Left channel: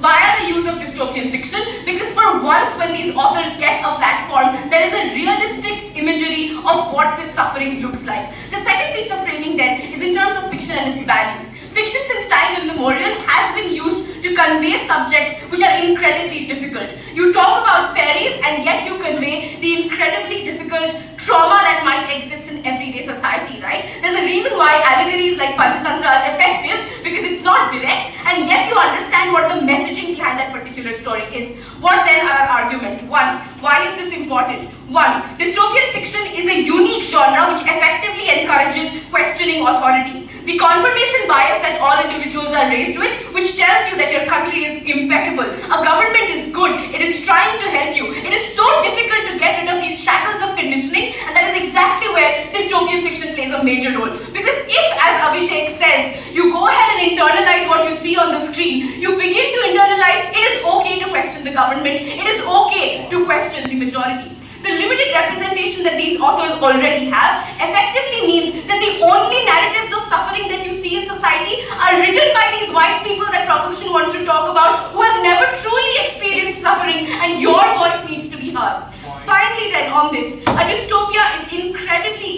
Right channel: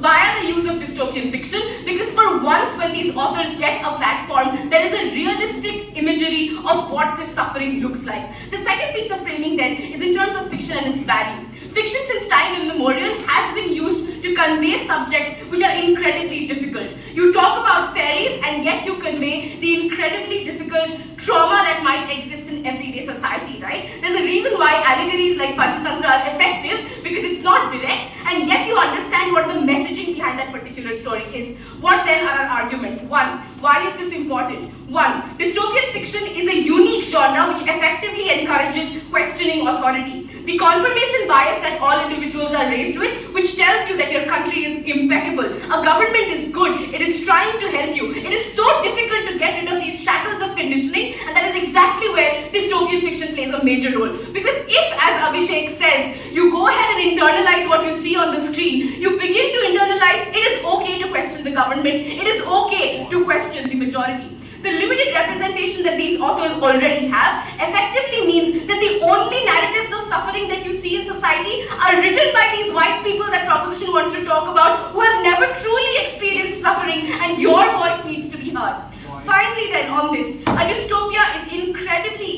via the use of dystopian fiction, because for once when these authors get a platform, there is a realistic imagery of what this suffering looks like. The second piece of framing then is in terms of fiction and its value. Fiction since time immemorial has been used to convey subjects which are incredibly difficult. You talk about fairies and yet you convey the incredibly difficult trauma that might exist in everyday society, right? There's a reason why allegories like Panchatantra are effective, because it's not direct and yet you understand what the messaging behind that particular story is. What then are our arguments? One, why is this important? One, dystopian fiction is a unique genre which effectively encourages questioning authority. The confirmation bias that all individuals are raised with, which tells you that your country is impeccable, a government is good, it is trying to help you. It is so difficult to get rid of these shackles of conditioning, and that is exactly where dystopian fiction plays a major role. Because if, as Abhishek says, you go ahead and internalize what you see on the screen, you begin to internalize it is okay to question the government, it is okay to question the majority. The limited representation that these authors already have effectively means that the only narratives of suffering that you see in society are written by these white people that proposition wants to talk about, who have never truly experienced suffering, and your voice needs to be heard. Finally then, on this, a dystopia is an incredibly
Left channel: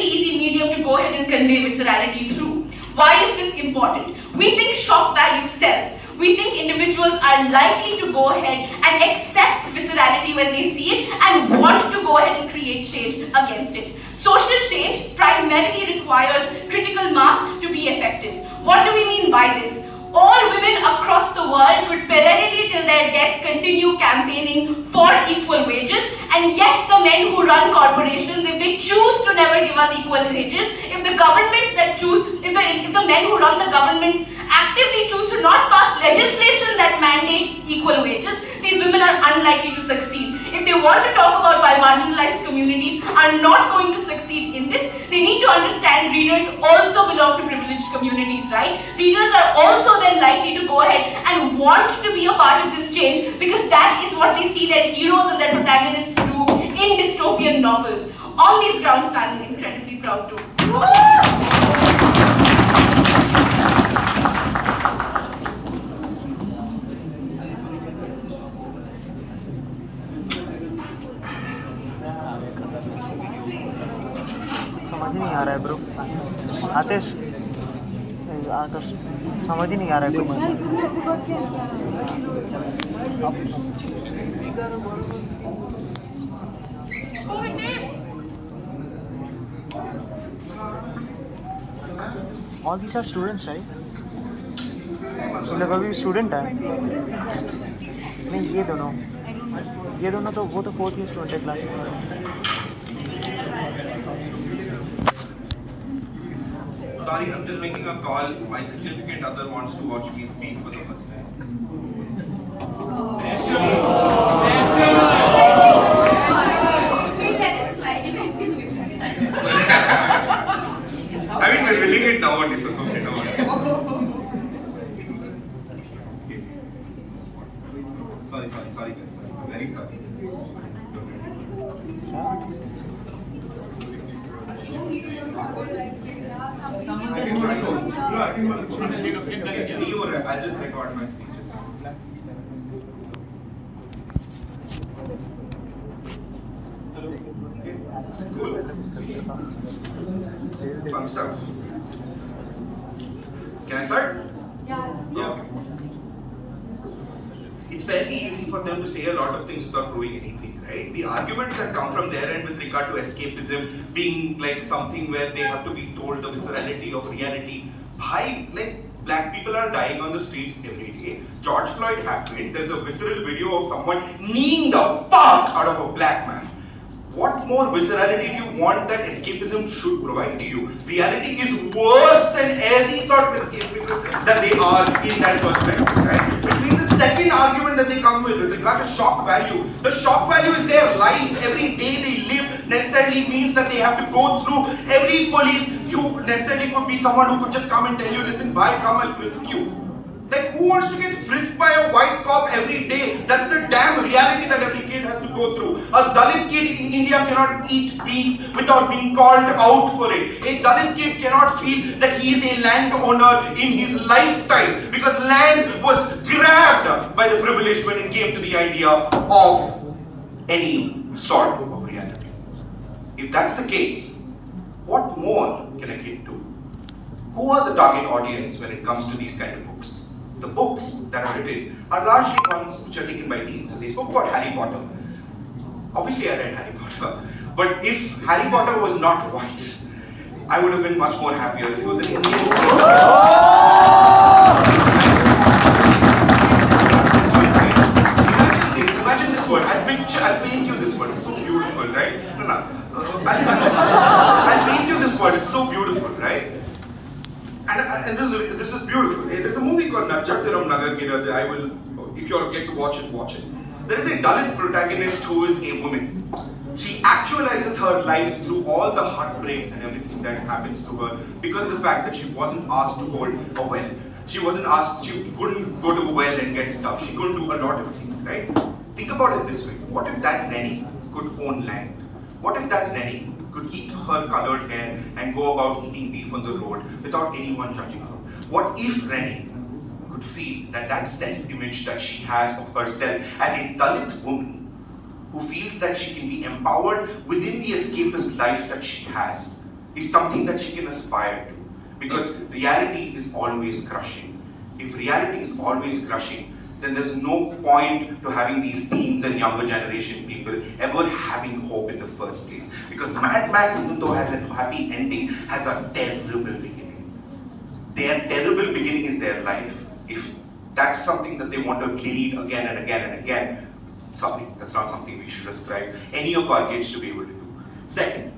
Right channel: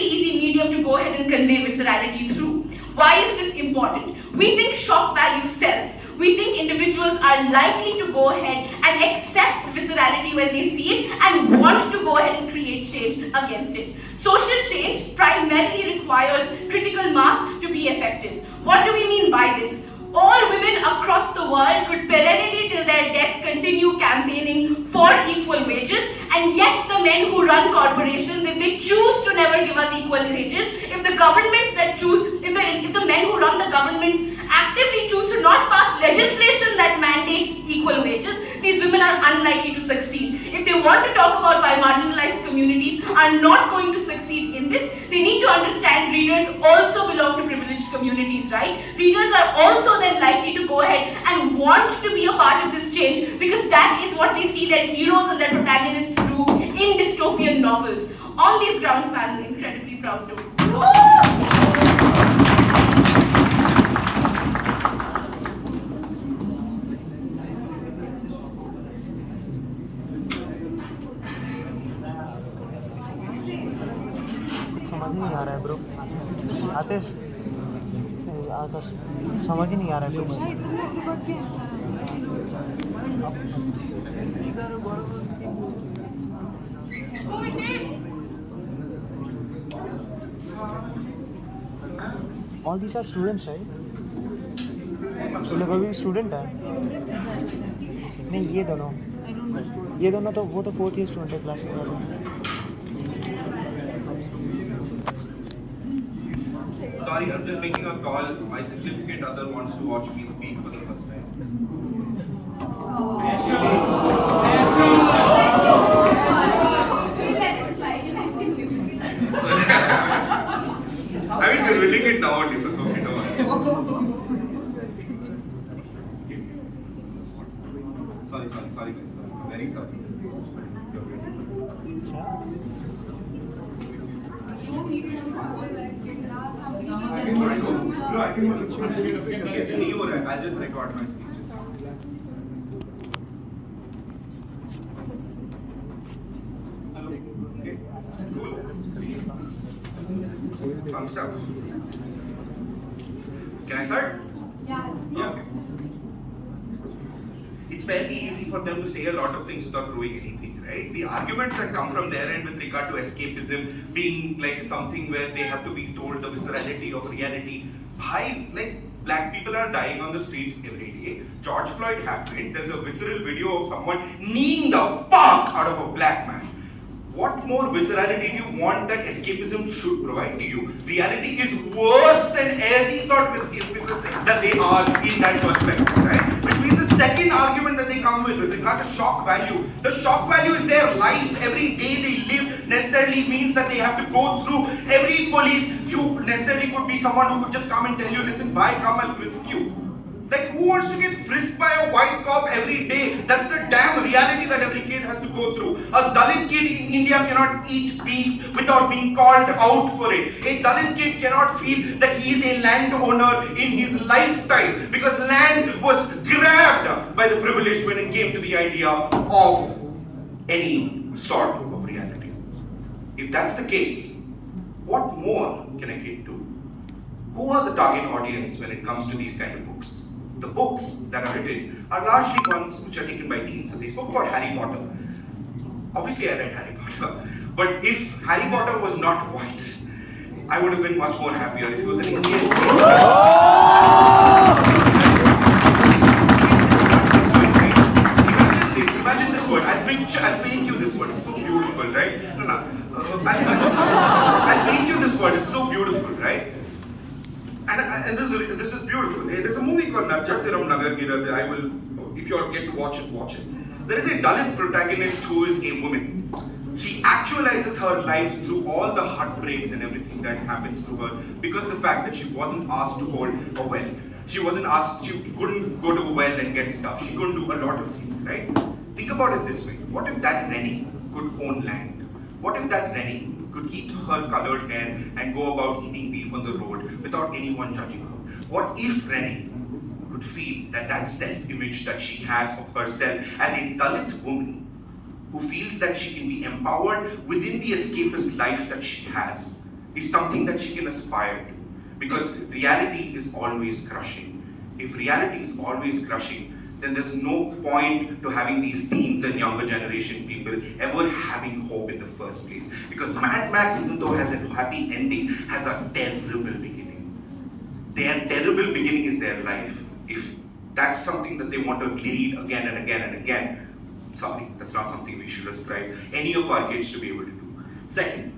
easy medium to go ahead and convey viscerality through. Why is this important? We think shock value sells. We think individuals are likely to go ahead and accept viscerality when they see it and want to go ahead and create change against it. Social change primarily requires critical mass to be effective. What do we mean by this? All women across the world could perennially till their death continue campaigning for equal wages, and yet the men who run corporations, if they choose to never give us equal wages, if the governments that choose, if the men who run the governments actively choose to not pass legislation that mandates equal wages, these women are unlikely to succeed. If they want to talk about why marginalized communities are not going to succeed in this, they need to understand readers also belong to privileged communities, right? Readers are also then likely to go ahead and want to be a part of this change, because that is what they see their heroes and their protagonists do in dystopian novels. On these grounds, I'm incredibly proud to. समझ ही नहीं आ रहा है bro आतिश आकाश समझ ही नहीं आ रहा है कुछ All these are students, right? मतलब अभी स्टूडेंट है नहीं ये दोनों तो वो तो 4th ईयर स्टूडेंट है क्लास में Sorry, I'm just making a call. My significant other wants to watch me speak for the first time. I mean, we're winning it now, only, so okay, no worries. Sorry, guys. Very sorry. I can I'll just record my speeches. Hello. Okay. Cool. Fun stuff. Can I start? Yes. Yeah. Okay. It's fairly easy for them to say a lot of things without proving anything, right? The arguments that come from their end with regard to escapism being like something where they have to be told the viscerality of reality. Like black people are dying on the streets every day. George Floyd happened. There's a visceral video of someone kneeing the fuck out of a black man. What more viscerality do you want that escapism should provide to you? Reality is worse than any thought of escapism that they are in that perspective, right? Which means the second argument that they come with regard to shock value. The shock value is their lives. Every day they live necessarily means that they have to go through every police. You necessarily could be someone who could just come and tell you, listen, bye, come, I'll frisk you. Like, who wants to get frisked by a white cop every day? That's the damn reality that every kid has to go through. A Dalit kid in India cannot eat beef without being called out for it. A Dalit kid cannot feel that he is a landowner in his lifetime because land was grabbed by the privileged when it came to the idea of any sort of reality. If that's the case, what more can a kid do? Who are the target audience when it comes to these kind of books? The books that are written are largely ones which are taken by teens. So they spoke about Harry Potter. Obviously I read Harry Potter. But if Harry Potter was not white, I would have been much more happier if it was an Indian. Imagine this word. I'll paint you this word. It's so beautiful, right? No. I'll paint you this word. It's so beautiful, right? And this is beautiful. There's a movie called Nachatiram Nagar Gira. I will, if you get to watch it, watch it. There is a Dalit protagonist who is a woman. She actualizes her life through all the heartbreaks and everything that happens to her because of the fact that she wasn't asked to hold a well. She couldn't go to a well and get stuff. She couldn't do a lot of things, right? Think about it this way. What if that Rennie could own land? What if that Rennie could keep her colored hair and go about eating beef on the road without anyone judging her? What if Rennie could feel that self-image that she has of herself as a Dalit woman who feels that she can be empowered within the escapist life that she has is something that she can aspire to? Because reality is always crushing. If reality is always crushing, then there's no point to having these teens and younger generation people ever having hope in the first place. Because Mad Max, even though has a happy ending, has a terrible beginning. Their terrible beginning is their life. If that's something that they want to read again and again and again, sorry, that's not something we should ascribe any of our kids to be able to do. Second,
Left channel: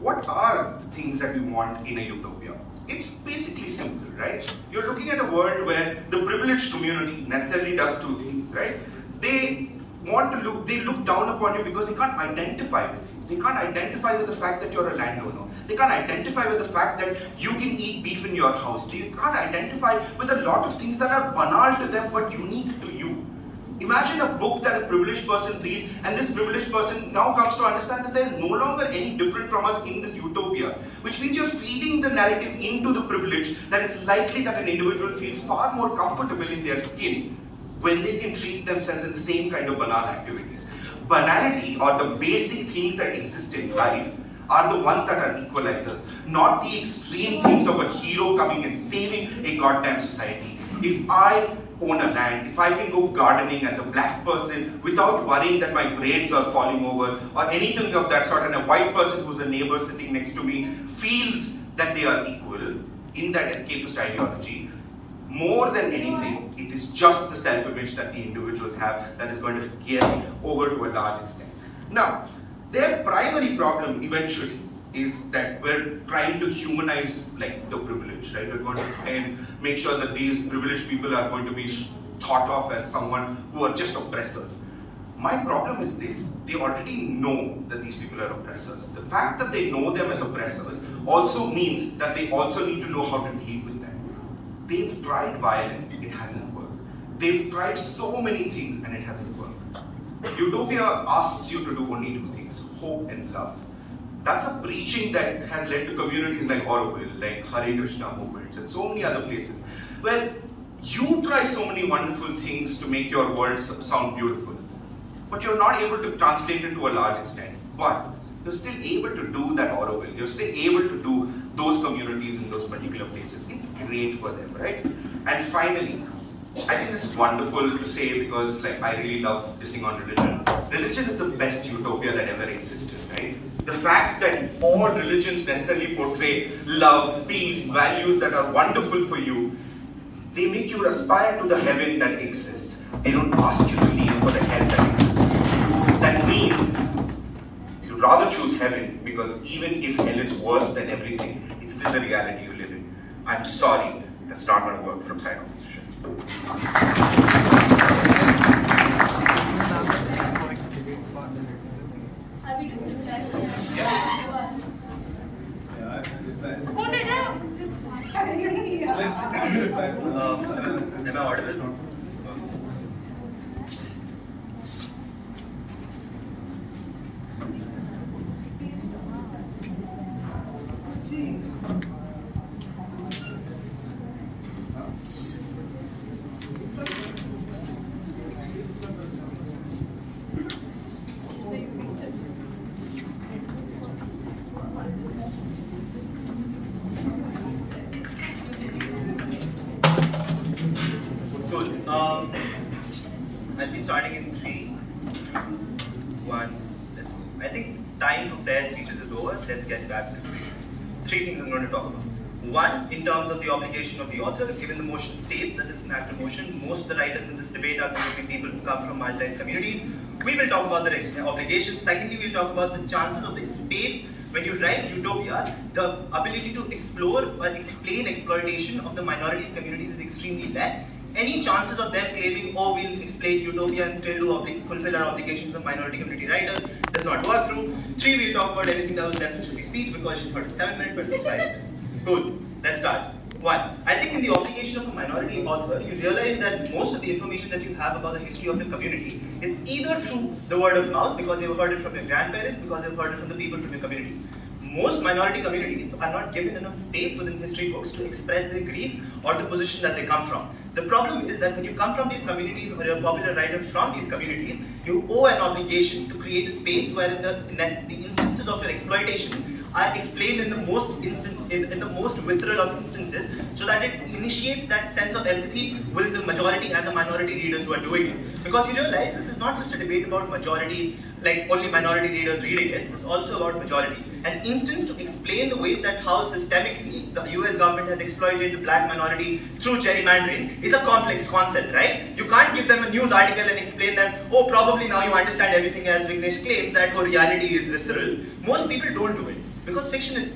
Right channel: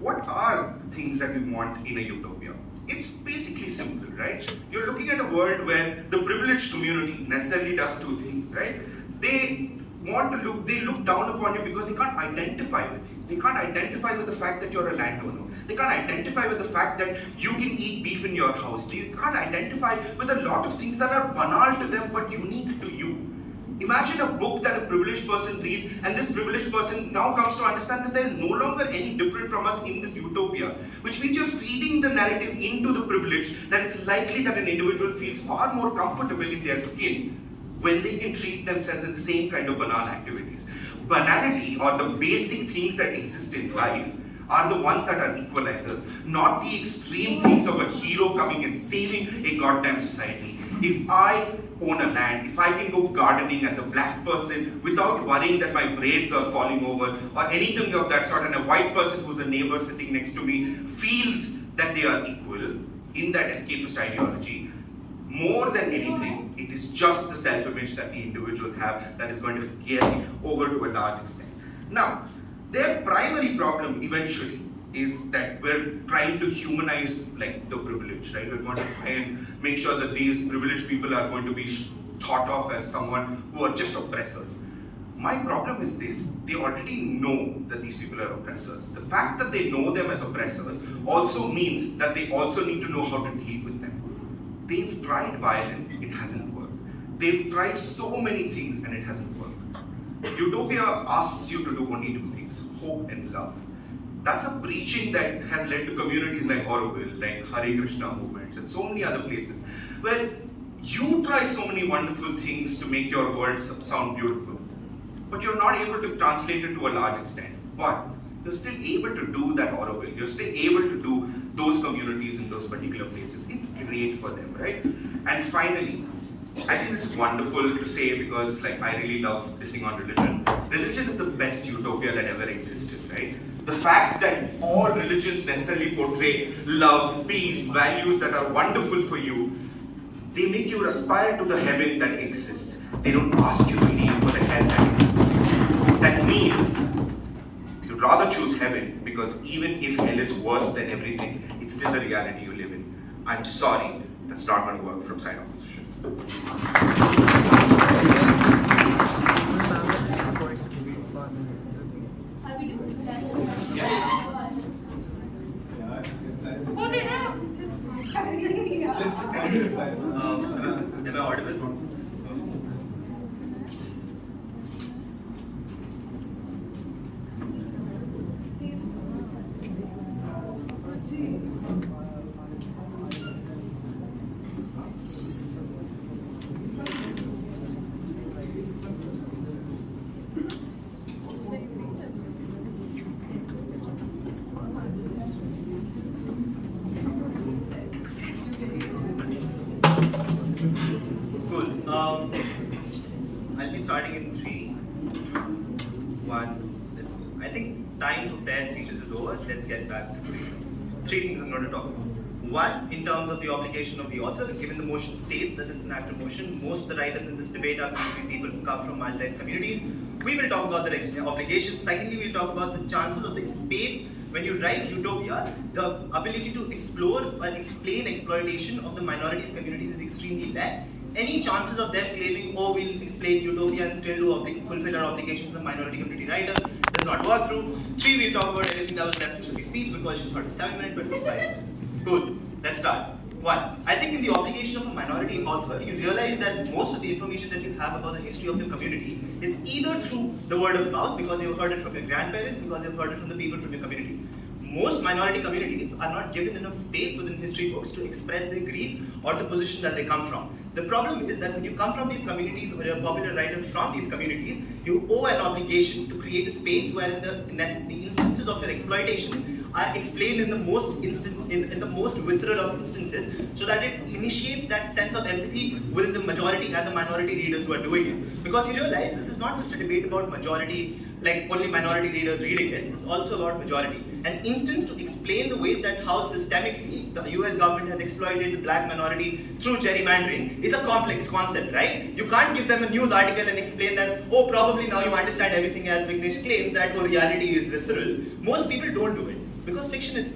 what are things that we want in a utopia? It's basically simple, right? You're looking at a world where the privileged community necessarily does two things, right? They look down upon you because they can't identify with you. They can't identify with the fact that you're a landowner. They can't identify with the fact that you can eat beef in your house. They can't identify with a lot of things that are banal to them but unique to you. Imagine a book that a privileged person reads, and this privileged person now comes to understand that they're no longer any different from us in this utopia, which means you're feeding the narrative into the privilege that it's likely that an individual feels far more comfortable in their skin when they can treat themselves in the same kind of banal activities. Banality, or the basic things that exist in life, are the ones that are equalizers, not the extreme things of a hero coming and saving a goddamn society. If I own a land, if I can go gardening as a black person without worrying that my braids are falling over or anything of that sort, and a white person who's a neighbor sitting next to me feels that they are equal in that escapist ideology, more than anything, it is just the self-image that the individuals have that is going to carry over to a large extent. Now, their primary problem eventually is that we're trying to humanize like the privileged, right? We're going to try and make sure that these privileged people are going to be thought of as someone who are just oppressors. My problem is this: they already know that these people are oppressors. The fact that they know them as oppressors also means that they also need to know how to deal with them. They've tried violence, it hasn't worked. They've tried so many things and it hasn't worked. Utopia asks you to do only two things: hope and love. That's a preaching that has led to communities like Auroville, like Hare Krishna movements, and so many other places, where you try so many wonderful things to make your world sound beautiful, but you're not able to translate it to a large extent. But you're still able to do that Auroville. You're still able to do those communities in those particular places. It's great for them, right? And finally, I think this is wonderful to say because like I really love dissing on religion. Religion is the best utopia that ever existed, right? The fact that all religions necessarily portray love, peace, values that are wonderful for you, they make you aspire to the heaven that exists. They don't ask you to leave for the hell that exists. That means you'd rather choose heaven because even if hell is worse than everything, it's still the reality you live in. I'm sorry, that's not going to work from side opposition. Are we doing that? Let's Am I audible? Cool. I'll be starting in 3, 2, 1. Let's go. I think time for fair speeches is over. Let's get back to three things I'm going to talk about. One, in terms of the obligation of the author, given the motion states that it's an active motion, most of the writers in this debate are going to be people who come from marginalized communities. We will talk about the obligations. Secondly, we'll talk about the chances of the space. When you write utopia, the ability to explore or explain exploitation of the minorities communities is extremely less. Any chances of them claiming, oh, we'll explain utopia and still do fulfill our obligations of minority community writers does not work through. 3, we'll talk about everything that was left in Shruti's speech because she thought it's 7 minutes, but it was 5 minutes. Cool, let's start. 1, I think in the obligation of a minority author, you realize that most of the information that you have about the history of the community is either through the word of mouth, because you've heard it from your grandparents, because you've heard it from the people from your community. Most minority communities are not given enough space within history books to express their grief or the position that they come from. The problem is that when you come from these communities or you're a popular writer from these communities, you owe an obligation to create a space where the instances of your exploitation are explained in the most visceral of instances, so that it initiates that sense of empathy with the majority and the minority readers who are doing it. Because you realize this is not just a debate about majority, like only minority readers reading it, it's also about majority. An instance to explain the ways that how systemically the US government has exploited the black minority through gerrymandering is a complex concept, right? You can't give them a news article and explain them, oh, probably now you understand everything as Vignesh claims that reality is visceral. Most people don't do it. Because fiction is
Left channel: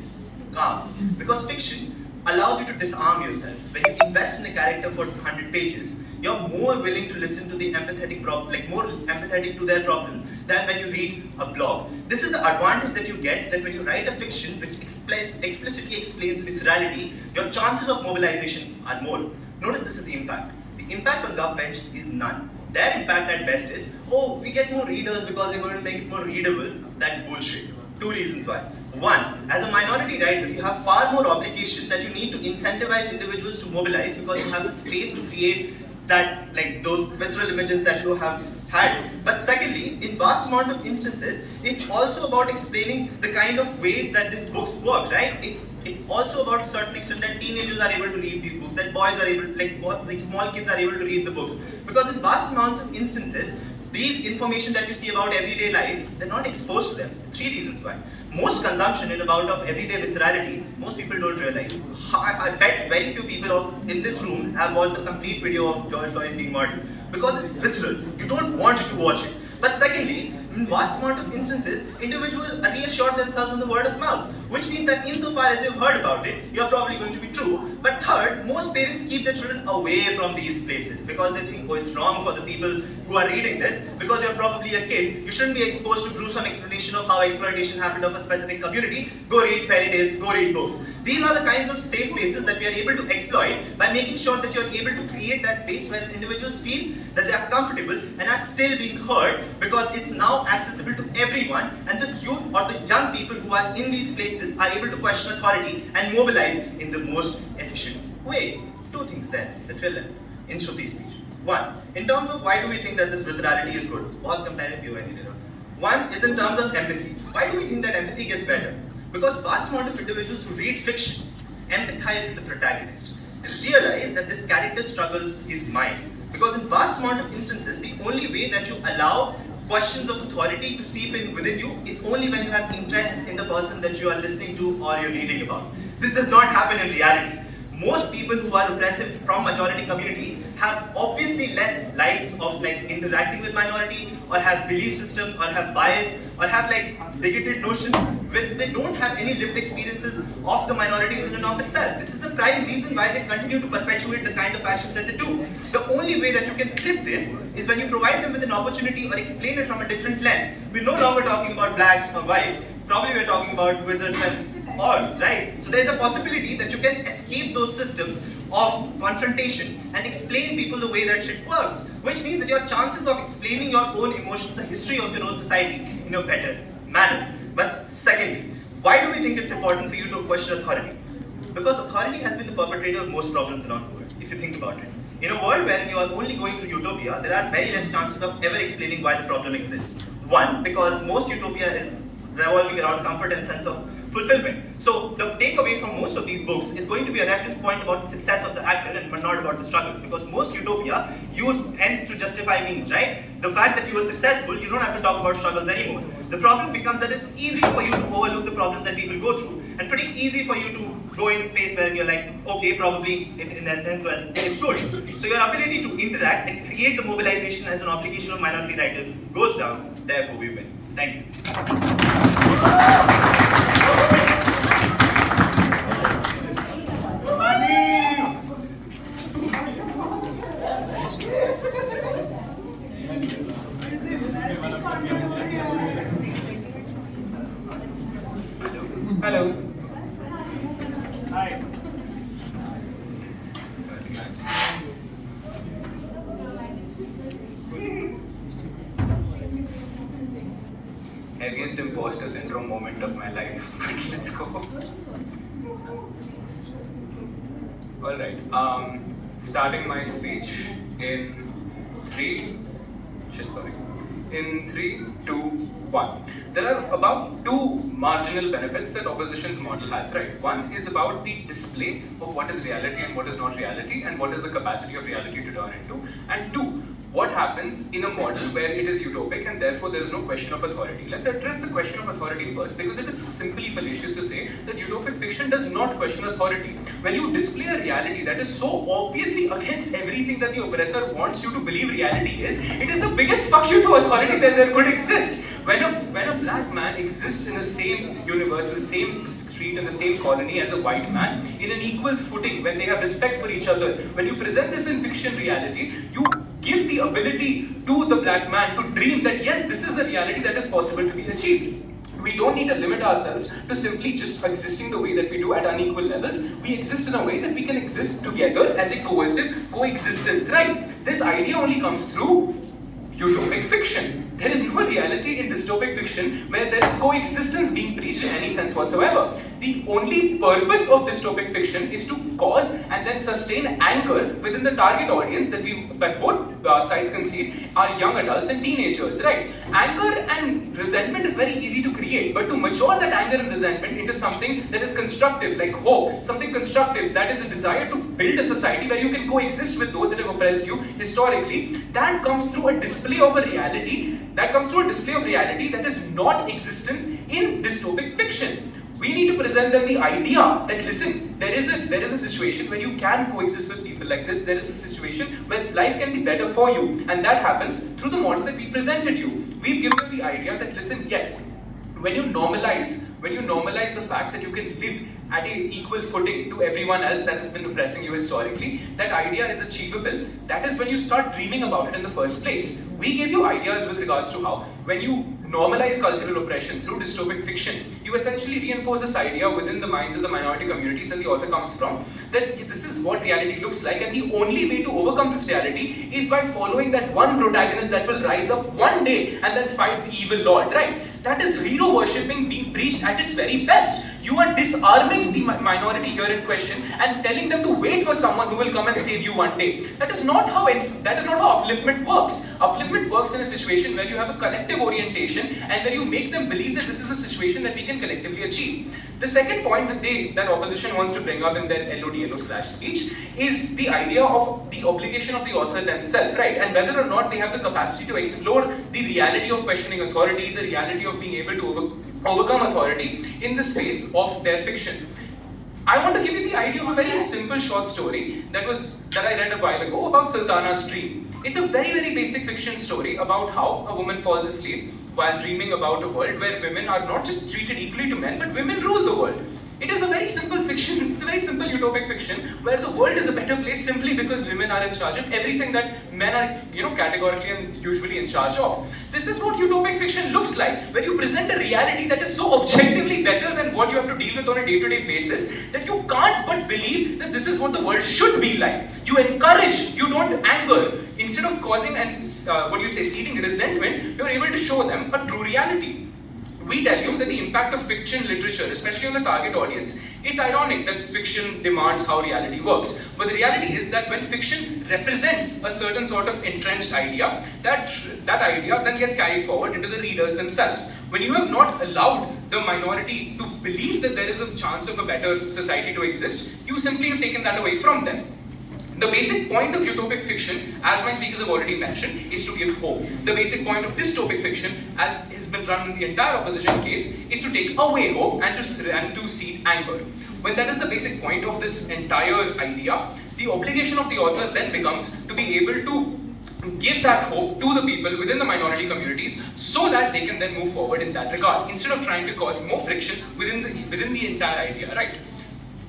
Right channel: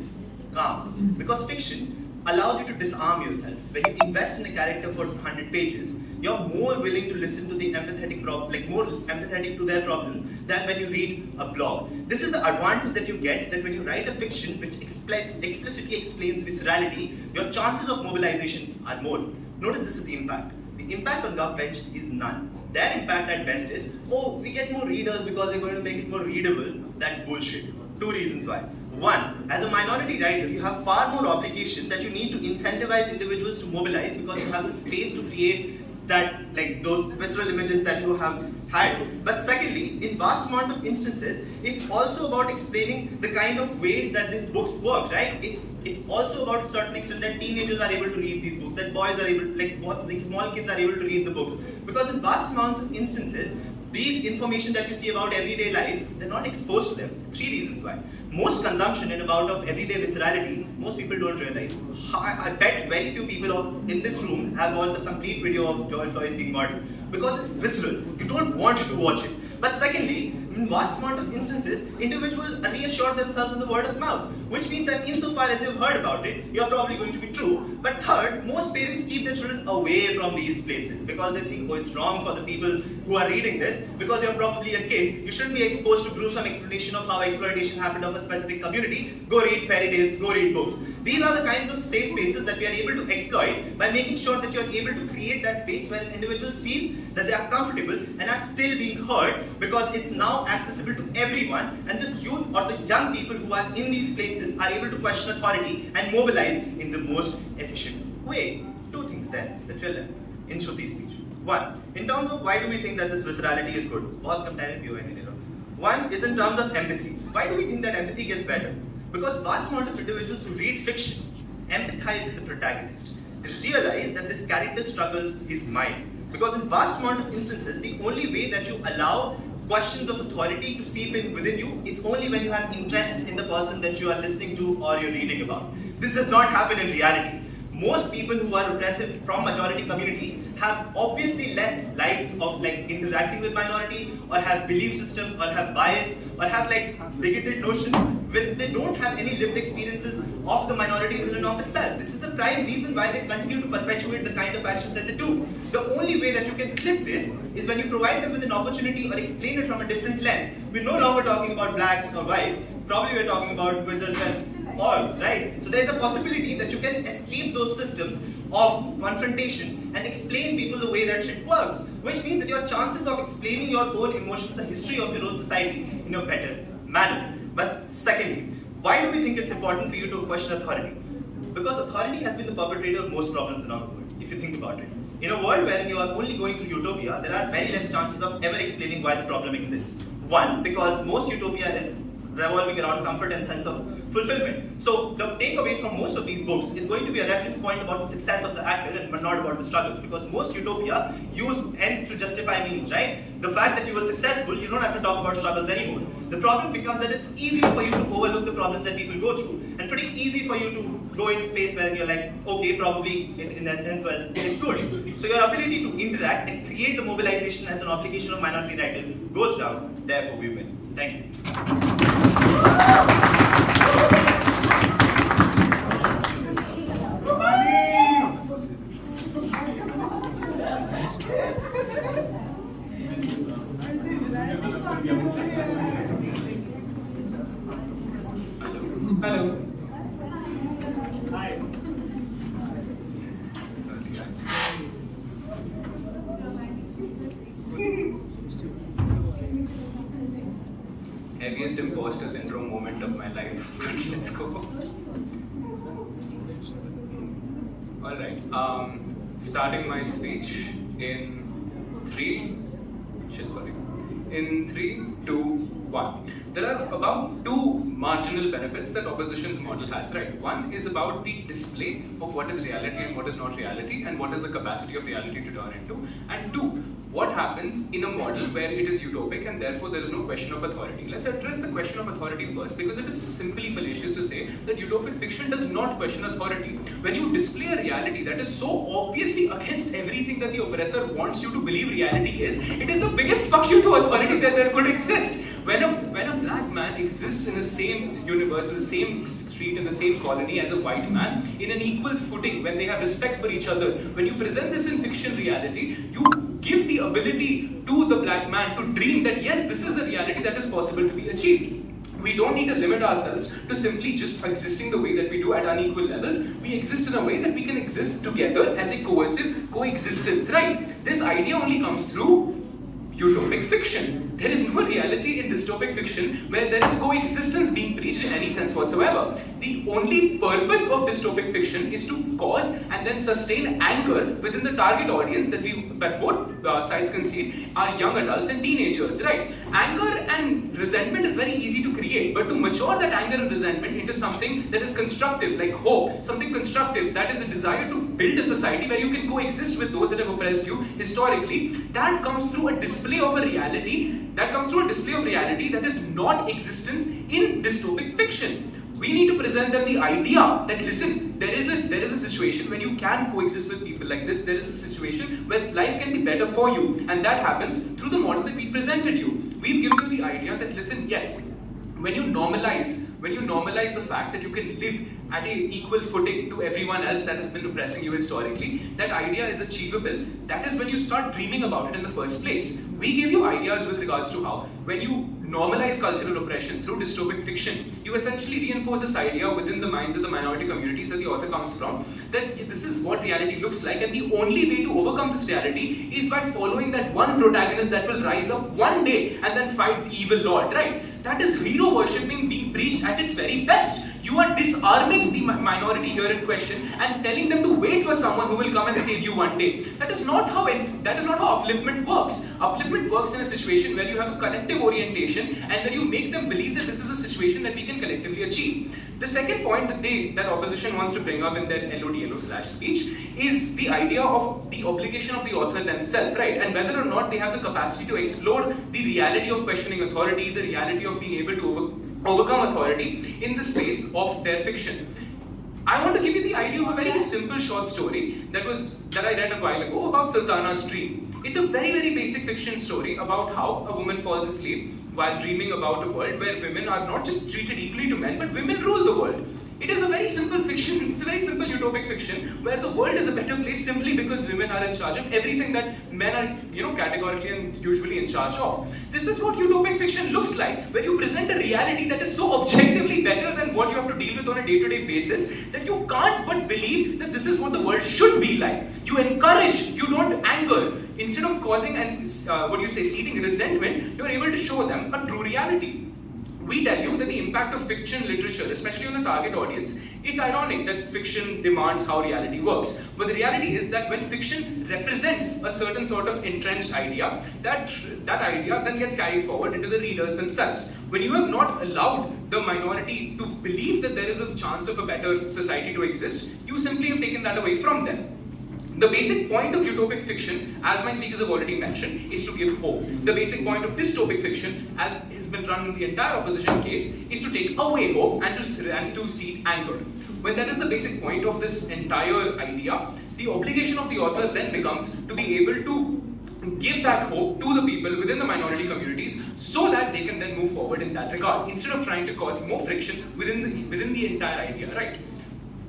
calm. Because fiction allows you to disarm yourself. When you invest in a character for 100 pages, you're more willing to listen to the more empathetic to their problems than when you read a blog. This is the advantage that you get, that when you write a fiction which explicitly explains viscerality, your chances of mobilization are more. Notice this is the impact. The impact on GovBench is none. Their impact at best is, oh, we get more readers because we're going to make it more readable. That's bullshit. 2 reasons why. 1, as a minority writer, you have far more obligations that you need to incentivize individuals to mobilize because you have the space to create that, like those visceral images that you have had. But secondly, in vast amount of instances, it's also about explaining the kind of ways that these books work, right? It's also about a certain extent that teenagers are able to read these books, that boys are able, like small kids are able to read the books. Because in vast amounts of instances, these information that you see about everyday life, they're not exposed to them. 3 reasons why. Most consumption in about of everyday viscerality, most people don't realize. I bet very few people in this room have watched the complete video of George Floyd being murdered. Because it's visceral. You don't want to watch it. But secondly, in vast amount of instances, individuals reassure themselves in the word of mouth, which means that insofar as you've heard about it, you're probably going to be true. But third, most parents keep their children away from these places because they think, oh, it's wrong for the people who are reading this, because you're probably a kid. You shouldn't be exposed to gruesome explanation of how exploitation happened of a specific community. Go read fairy tales, go read books. These are the kinds of safe spaces that we are able to exploit by making sure that you're able to create that space where individuals feel that they are comfortable and are still being heard, because it's now accessible to everyone, and the youth or the young people who are in these places are able to question authority and mobilize in the most efficient way. 2 things then that we're left in Shruti's speech. 1, in terms of why do we think that this viscerality is good? 1 is in terms of empathy. Why do we think that empathy gets better? Because vast amount of individuals who read fiction empathize with the protagonist. They realize that this character's struggles is mine. Because in vast amount of instances, the only way that you allow questions of authority to seep in within you is only when you have interest in the person that you are listening to or you're reading about. This does not happen in reality. Most people who are oppressive from majority community have obviously less likes of interacting with minority, or have belief systems, or have bias, or have bigoted notions when they don't have any lived experiences of the minority in and of itself. This is a prime reason why they continue to perpetuate the kind of actions that they do. The only way that you can flip this is when you provide them with an opportunity or explain it from a different lens. We're no longer talking about blacks or whites, probably we're talking about wizards and orgs, right? So there's a possibility that you can escape those systems of confrontation and explain people the way that shit works, which means that your chances of explaining your own emotions, the history of your own society in a better manner. But secondly, why do we think it's important for you to question authority? Because authority has been the perpetrator of most problems around the world, if you think about it. In a world where you are only going through utopia, there are very less chances of ever explaining why the problem exists. One, because most utopia is revolving around comfort and sense of fulfillment. So the takeaway from most of these books is going to be a reference point about the success of the actor and but not about the struggles, because most utopia use ends to justify means, right? The fact that you were successful, you don't have to talk about struggles anymore. The problem becomes that it's easy for you to overlook the problems that people go through, and pretty easy for you to go in a space where you're like, okay, probably in that sense, well, it's good. So your ability to interact and create the mobilization as an obligation of minority writers goes down, therefore we win. Thank you. Hello. Hi. Heaviest imposter syndrome moment of my life. Let's go. Alright. Starting my speech in 3. In 3, 2, 1. There are about 2 marginal benefits that opposition's model has, right? One is about the display of what is reality and what is not reality, and what is the capacity of reality to turn into. And 2, what happens in a model where it is utopic and therefore there is no question of authority. Let's address the question of authority first, because it is simply fallacious to say that utopic fiction does not question authority. When you display a reality that is so obviously against everything that the oppressor wants you to believe reality is, it is the biggest fuck you to authority that there could exist. When a black man exists in the same universe, in the same street, in the same colony as a white man, in an equal footing, when they have respect for each other, when you present this in fiction reality, you give the ability to the black man to dream that yes, this is the reality that is possible to be achieved. We don't need to limit ourselves to simply just existing the way that we do at unequal levels. We exist in a way that we can exist together as a cohesive coexistence, right? This idea only comes through utopic fiction. There is no reality in dystopic fiction where there is coexistence being preached in any sense whatsoever. The only purpose of dystopic fiction is to cause and then sustain anger within the target audience that both sides concede are young adults and teenagers, right? Anger and resentment is very easy to create, but to mature that anger and resentment into something that is constructive, like hope, something constructive, that is a desire to build a society where you can coexist with those that have oppressed you historically, that comes through a display of a reality, that is not existence in dystopic fiction. We need to present them the idea that listen, there is a situation where you can coexist with people like this. There is a situation where life can be better for you, and that happens through the model that we presented you. We've given you the idea that listen, yes, when you normalize the fact that you can live at an equal footing to everyone else that has been oppressing you historically, that idea is achievable. That is when you start dreaming about it in the first place. We gave you ideas with regards to how, when you normalize cultural oppression through dystopic fiction, you essentially reinforce this idea within the minds of the minority communities that the author comes from, that this is what reality looks like, and the only way to overcome this reality is by following that one protagonist that will rise up one day and then fight the evil lord, right? That is hero worshipping being preached at its very best. You are disarming the minority here in question and telling them to wait for someone who will come and save you one day. That is not how upliftment works. Upliftment works in a situation where you have a collective orientation and where you make them believe that this is a situation that we can collectively achieve. The second point that opposition wants to bring up in their LODLO/ speech is the idea of the obligation of the author themselves, right? And whether or not they have the capacity to explore the reality of questioning authority, the reality of being able to overcome authority in the space of their fiction. I want to give you the idea of a very simple short story that I read a while ago about Sultana's dream. It's a very, very basic fiction story about how a woman falls asleep while dreaming about a world where women are not just treated equally to men, but women rule the world. It is a very simple fiction, it's a very simple utopic fiction where the world is a better place simply because women are in charge of everything that men are, categorically and usually in charge of. This is what utopic fiction looks like, where you present a reality that is so objectively better than what you have to deal with on a day-to-day basis that you can't but believe that this is what the world should be like. You encourage, you don't anger. Instead of causing and seeding resentment, you're able to show them a true reality. We tell you that the impact of fiction literature, especially on the target audience, it's ironic that fiction demands how reality works. But the reality is that when fiction represents a certain sort of entrenched idea, that idea then gets carried forward into the readers themselves. When you have not allowed the minority to believe that there is a chance of a better society to exist, you simply have taken that away from them. The basic point of utopic fiction, as my speakers have already mentioned, is to give hope. The basic point of dystopic fiction, as has been run in the entire opposition case, is to take away hope and to seed anger. When that is the basic point of this entire idea, the obligation of the author then becomes to be able to give that hope to the people within the minority communities so that they can then move forward in that regard, instead of trying to cause more friction within the entire idea, right?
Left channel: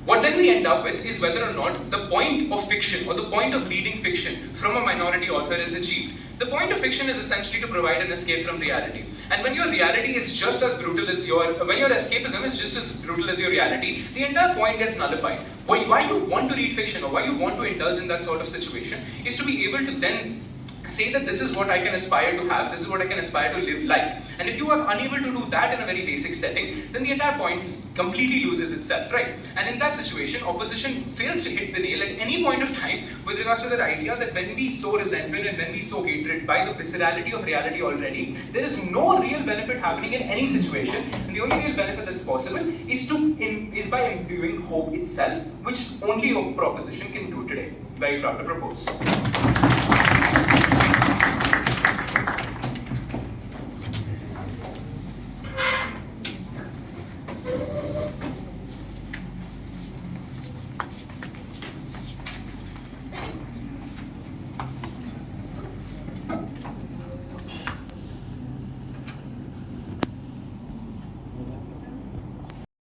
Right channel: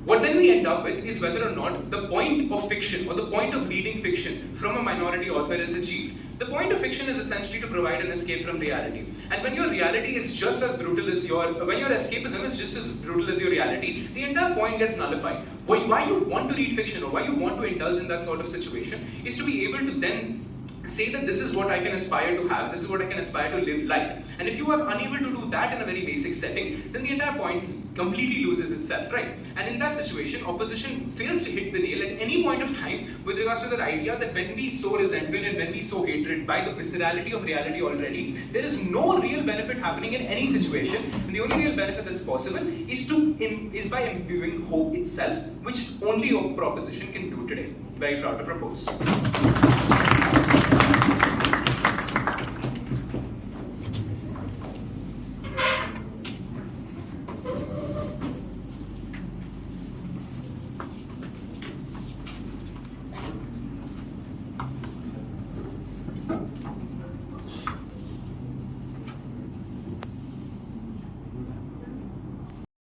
What then we end up with is whether or not the point of fiction or the point of reading fiction from a minority author is achieved. The point of fiction is essentially to provide an escape from reality. And when your reality is just as brutal as when your escapism is just as brutal as your reality, the entire point gets nullified. Why you want to read fiction or why you want to indulge in that sort of situation is to be able to then say that this is what I can aspire to have, this is what I can aspire to live like. And if you are unable to do that in a very basic setting, then the entire point completely loses itself, right? And in that situation, opposition fails to hit the nail at any point of time with regards to the idea that when we sow resentment and when we sow hatred by the viscerality of reality already, there is no real benefit happening in any situation, and the only real benefit that's possible is by imbuing hope itself, which only a proposition can do today. Very proud to propose.